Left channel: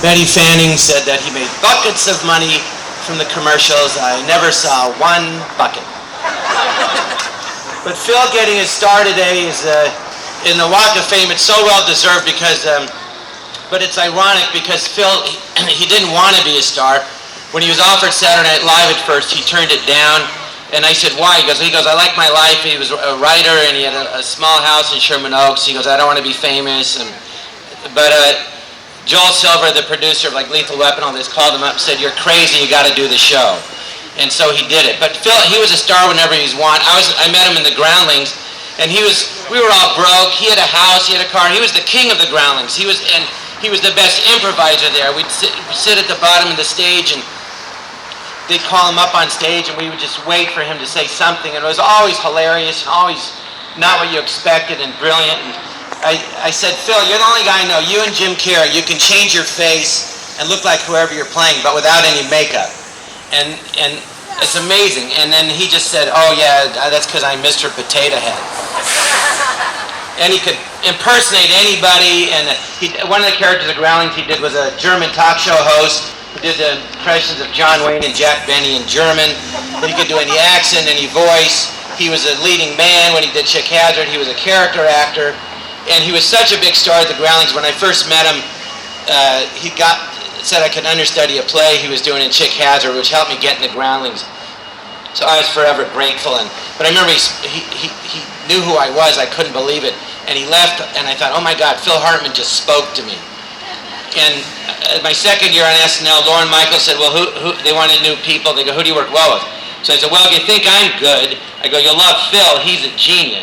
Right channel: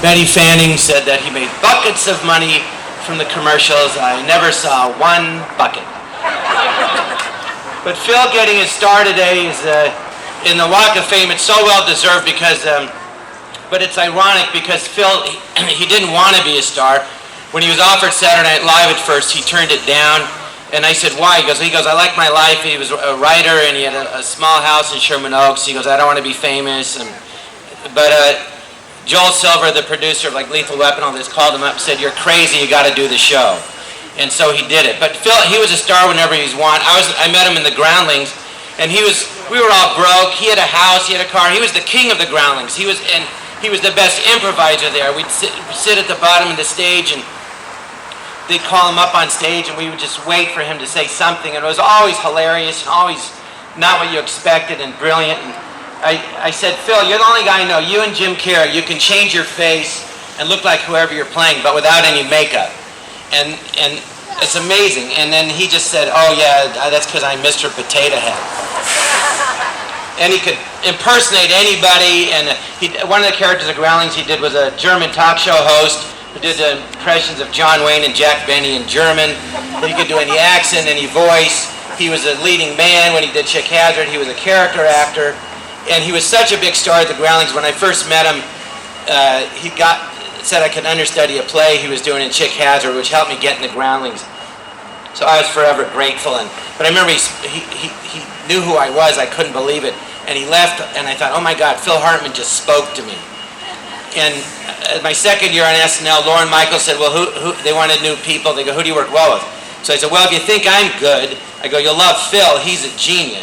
Betty Fanning said that he made buckets of money from the commercials. I never saw one bucket. But Phil getting his star today is in the Walk of Fame. It's so well deserved because, but it's ironic because Phil, he didn't want to be a star. When he was offered Saturday Night Live at first, he turned it down. And I said, why? He goes, I like my life. He was a writer and he had a small house in Sherman Oaks. He goes, I don't want to be famous. But Joel Silver, the producer of like Lethal Weapon, all this, called him up and said, you're crazy, you got to do the show. And so he did it. But Phil, he was a star whenever he was wanted. I met him in the Groundlings, and we were all broke. He had a house, he had a car. He was the king of the Groundlings. He was the best improviser there. We'd sit at the bottom of the stage, and they'd call him up on stage, and we would just wait for him to say something. And it was always hilarious, and always not what you expected, and brilliant. And I said, Phil, you're the only guy I know, you and Jim Carrey, you can change your face and look like whoever you're playing, but without any makeup. And it's amazing. And then he just said, oh yeah, that's because I'm Mr. Potato Head. And he could impersonate anybody. And one of the characters of Groundlings he did was a German talk show host who did the impressions of John Wayne and Jack Benny in German. And he could do any accent, any voice. He was a leading man when he did Chick Hazard. He was a character actor. And he was such a big star at the Groundlings. When I first met him, he said I could understudy a play he was doing in Chick Hazard, which helped me get in the Groundlings. So I was forever grateful. But I remember he knew who I was. I couldn't believe it. And he left, and I thought, oh my God, Phil Hartman just spoke to me. And my second year on SNL, Lauren Michaels said, well, who they wanted new people. They go, who do you work well with? So I said, well, if you think I'm good, I go, you'll love Phil. He's a genius.